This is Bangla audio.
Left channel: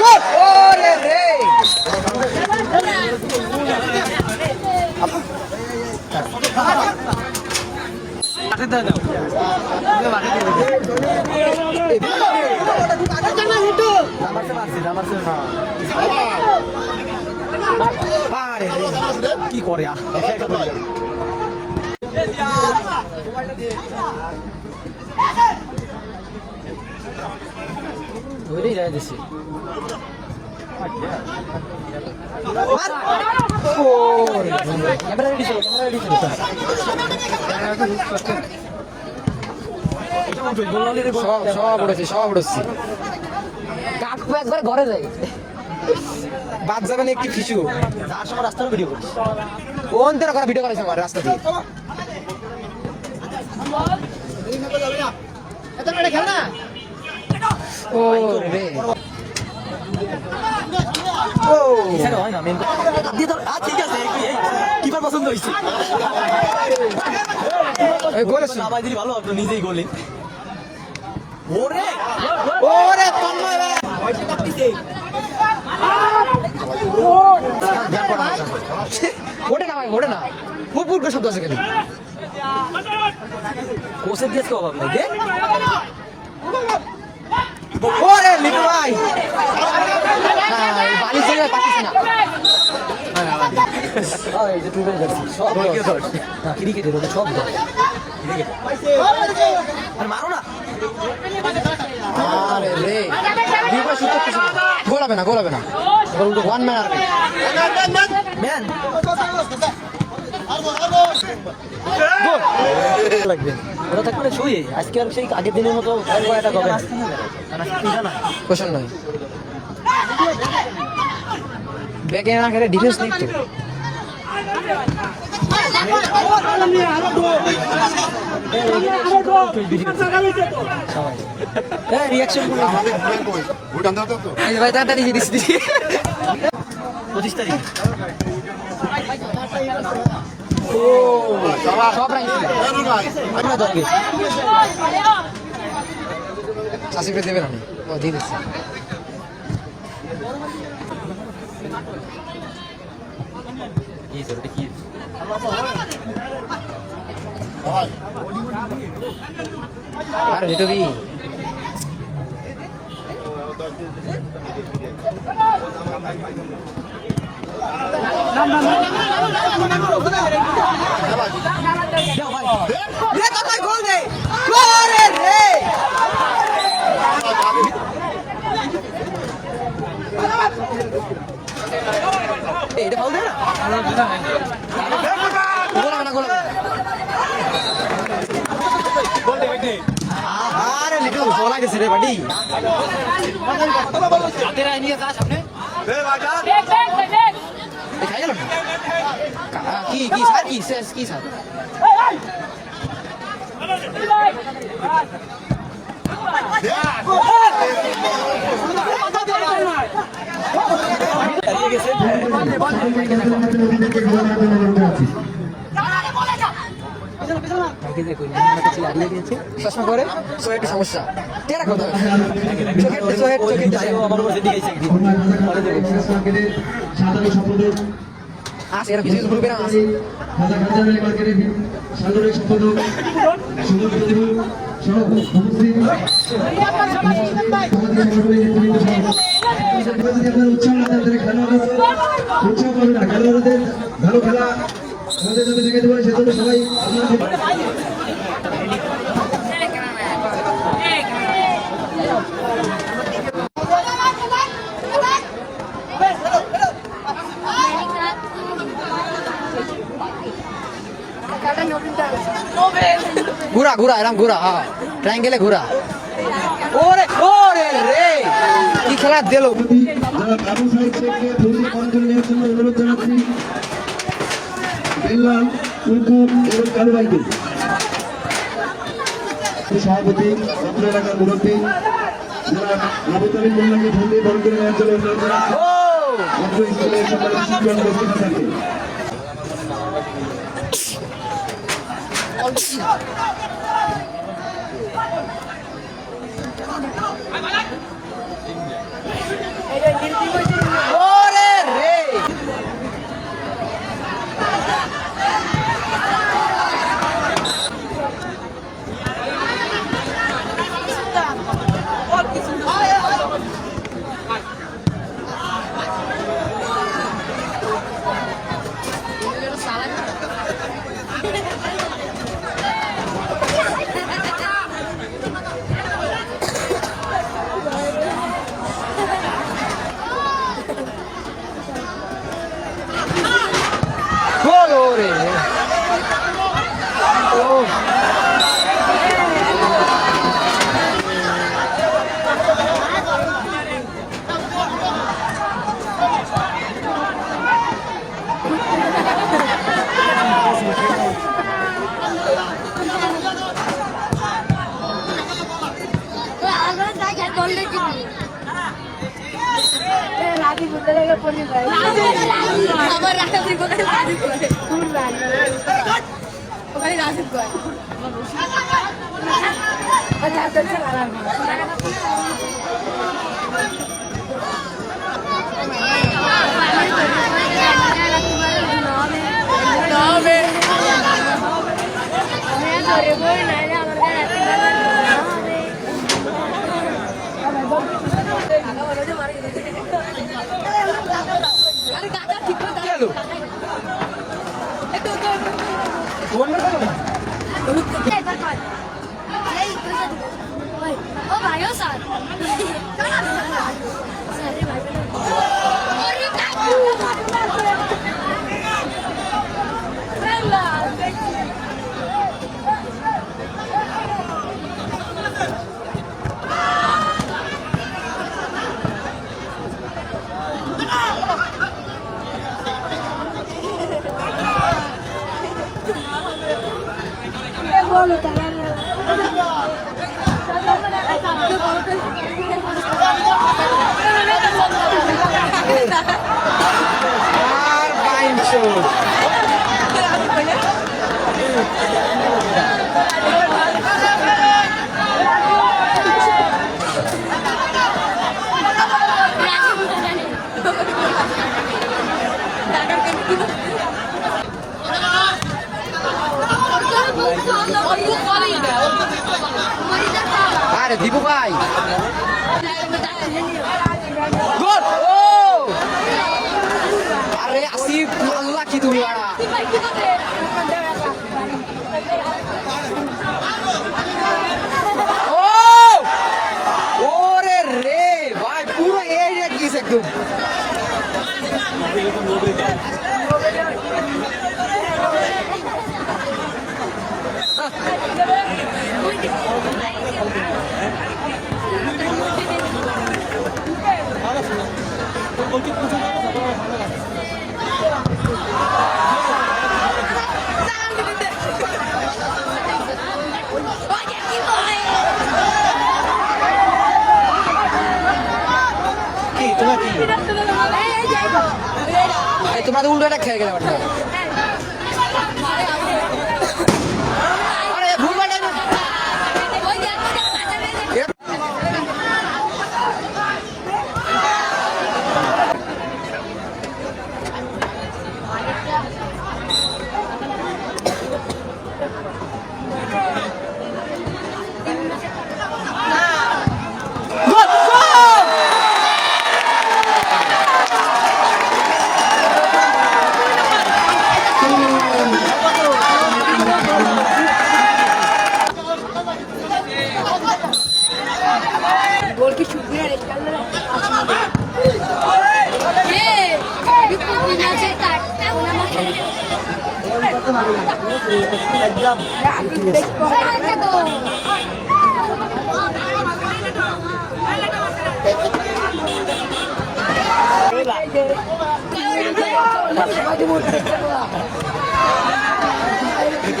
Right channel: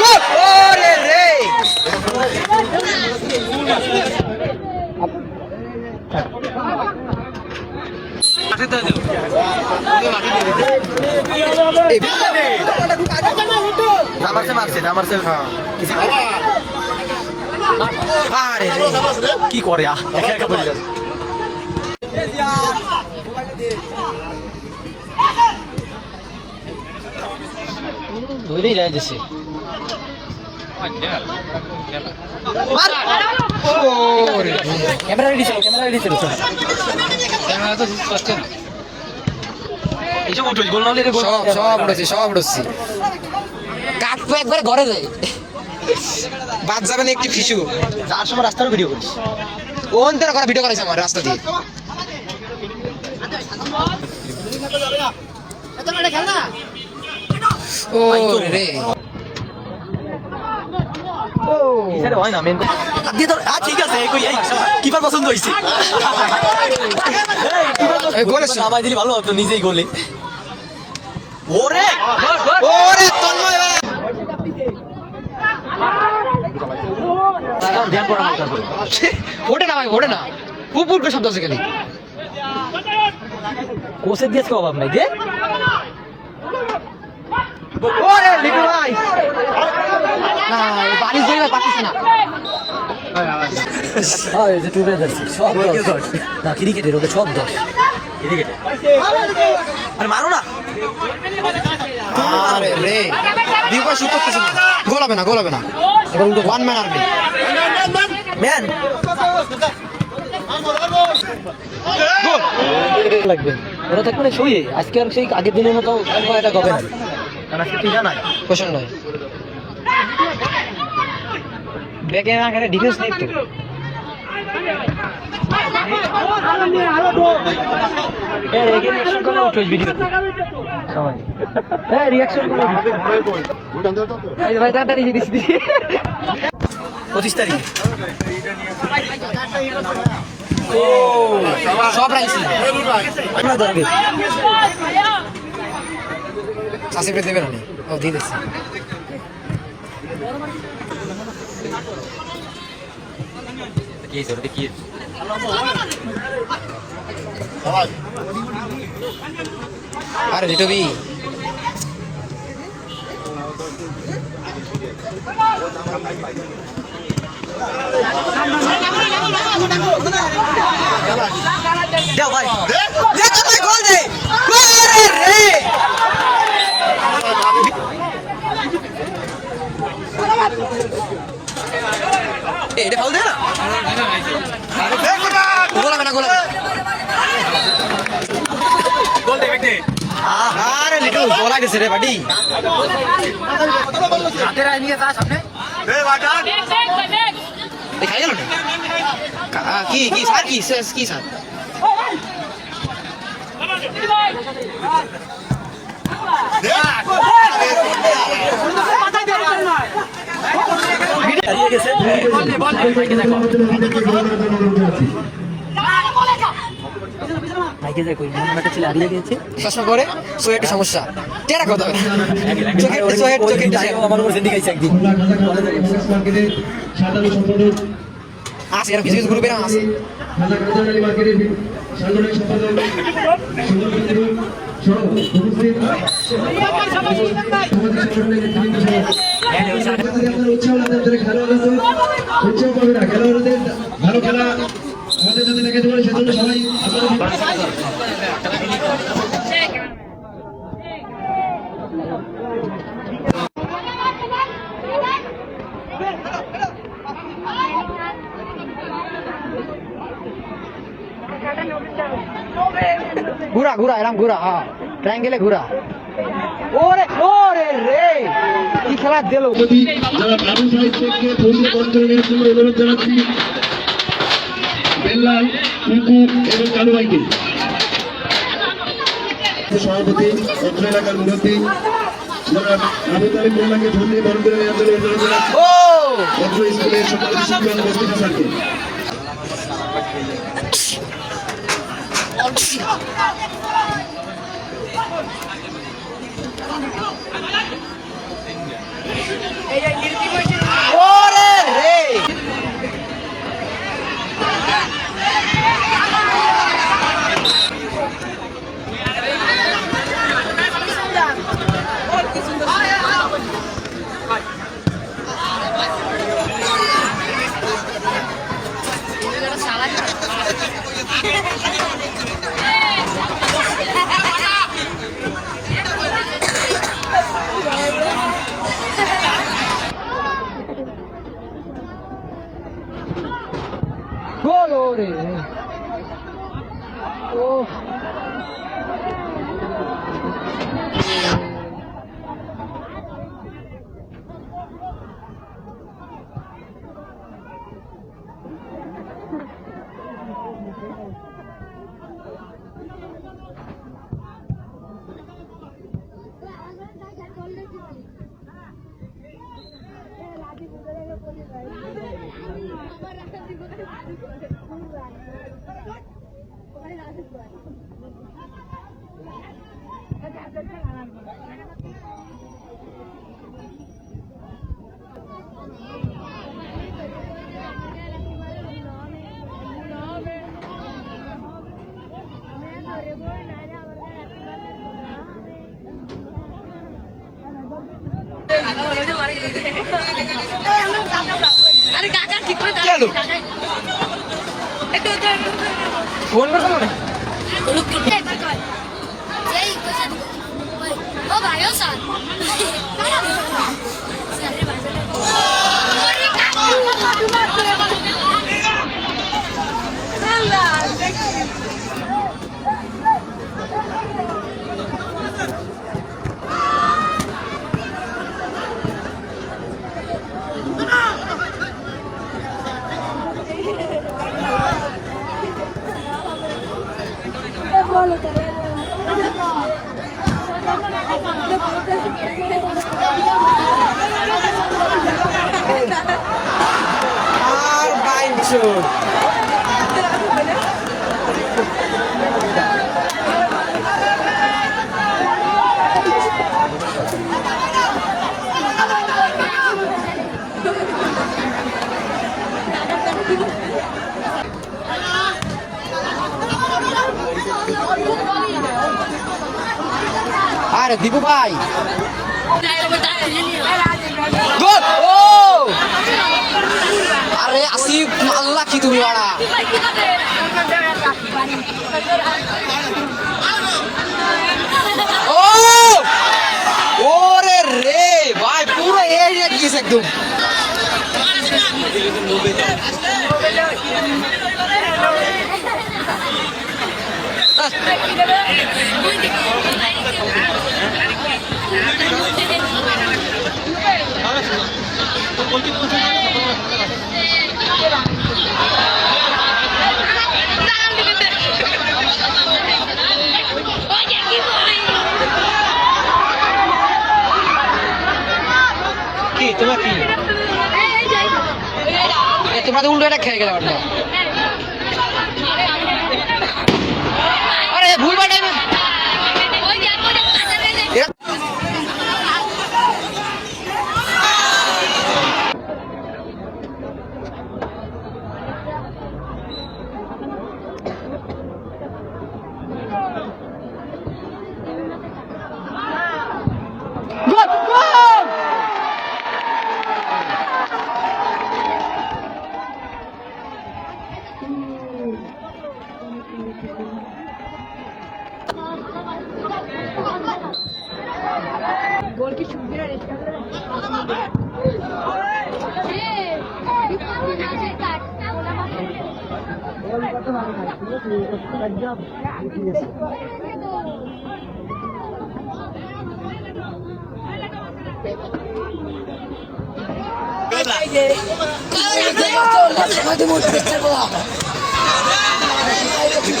গোল ওরে রে কি করে ধরেই যায় দেশে ক্যামেরা রেডি ছিল সব উঠেছি কাকু একবার ঘরে যায় বাদ যাবে না একটি ফিসু যার সময় রাস্তার ভিডিও করিস কোন তেরা করা ভিডিও করাইছে আমার রাস্তা দিয়ে ও রে হয় না মেন ঠিক আছে কিপার পছন্দ হয়েছে নামাই দিলি ভালো হতো নিজেই গোলে ওরে ওরে তন্ময় ওঠে না ভাই ওঠে না পুপুর করে শব্দ আছে খালি কোচের দিয়েছে অভাব নাই গে ওরে লিটু ভাই না বালি জেনে পাচ্ছিস না এই যে টুবে যাচ্ছে সব না ক্রিকেটের ওকে সব দশ ক্রিকেট আরে মারো না আরে রে দিবা শুট করতেছ না গোল হবে না ওয়ান ম্যান আর্মি ম্যান গোল লাগবে ওরা তো কোনো শুয়ে আজকে আর সেই আগের দিনের মতো এটা হবে না কারণ আজকে তুই জানাই কোশ্চেন নয় ব্যাকে না খেলে ডিফেন্স নেই তো রিয়াকশন 25 তারিখ সব রাইছি আমরা দরগে সাসিপে দেবে না ও দিয়ে দিচ্ছি কি জরুরি কি আরে রিটবি যাও ভাই দে তো ভাই গোল দে ওরে রে এটা ফাউল দে না গোল হবে না গোল দে বেটি আরে লিটু গোল আইছে রে বাড়ি হাতে রাই নিয়ে যা সামনে দে বাটা দেখ দেখাই গেল কি স্যার চশমা করে একটা সমস্যা টেরা কথা আছে এরকম কিছু গ্রুপের আছে খেলোয়াড়দের ভালো খেলা আমাদের যদি লেগে দেবে সেজন্য সবাই ঘুরা এরকম ঘুরা ট্রায়াঙ্গেলে ঘুরা ওরে রে কি খেলা দিল সভাপতি অত্র এলাকার মুরব্বী যারা আবু তালিব মোল্লাকে ধন্যবাদ বল করে নেওয়ার জন্য অনুরোধ জানাচ্ছি অত্র স্কুলের সকল শিক্ষক উপস্থিত থাকবেন ওরে রে Colore. Oh. अरे काका ठीक है चलो फोन कर ओ भाई ओ साथ আর বাইনছো আরে দীপু ভাই গোল ও আরে আসিফ আল্লাহ কি তুমি বাড়া ও ওরে রে ভাই পুরো এরিয়া গিয়েছে একদম কি তোমার কি তোমরা তো উল্টো একটা খেয়ে গেলে আরে ভুল বাটাই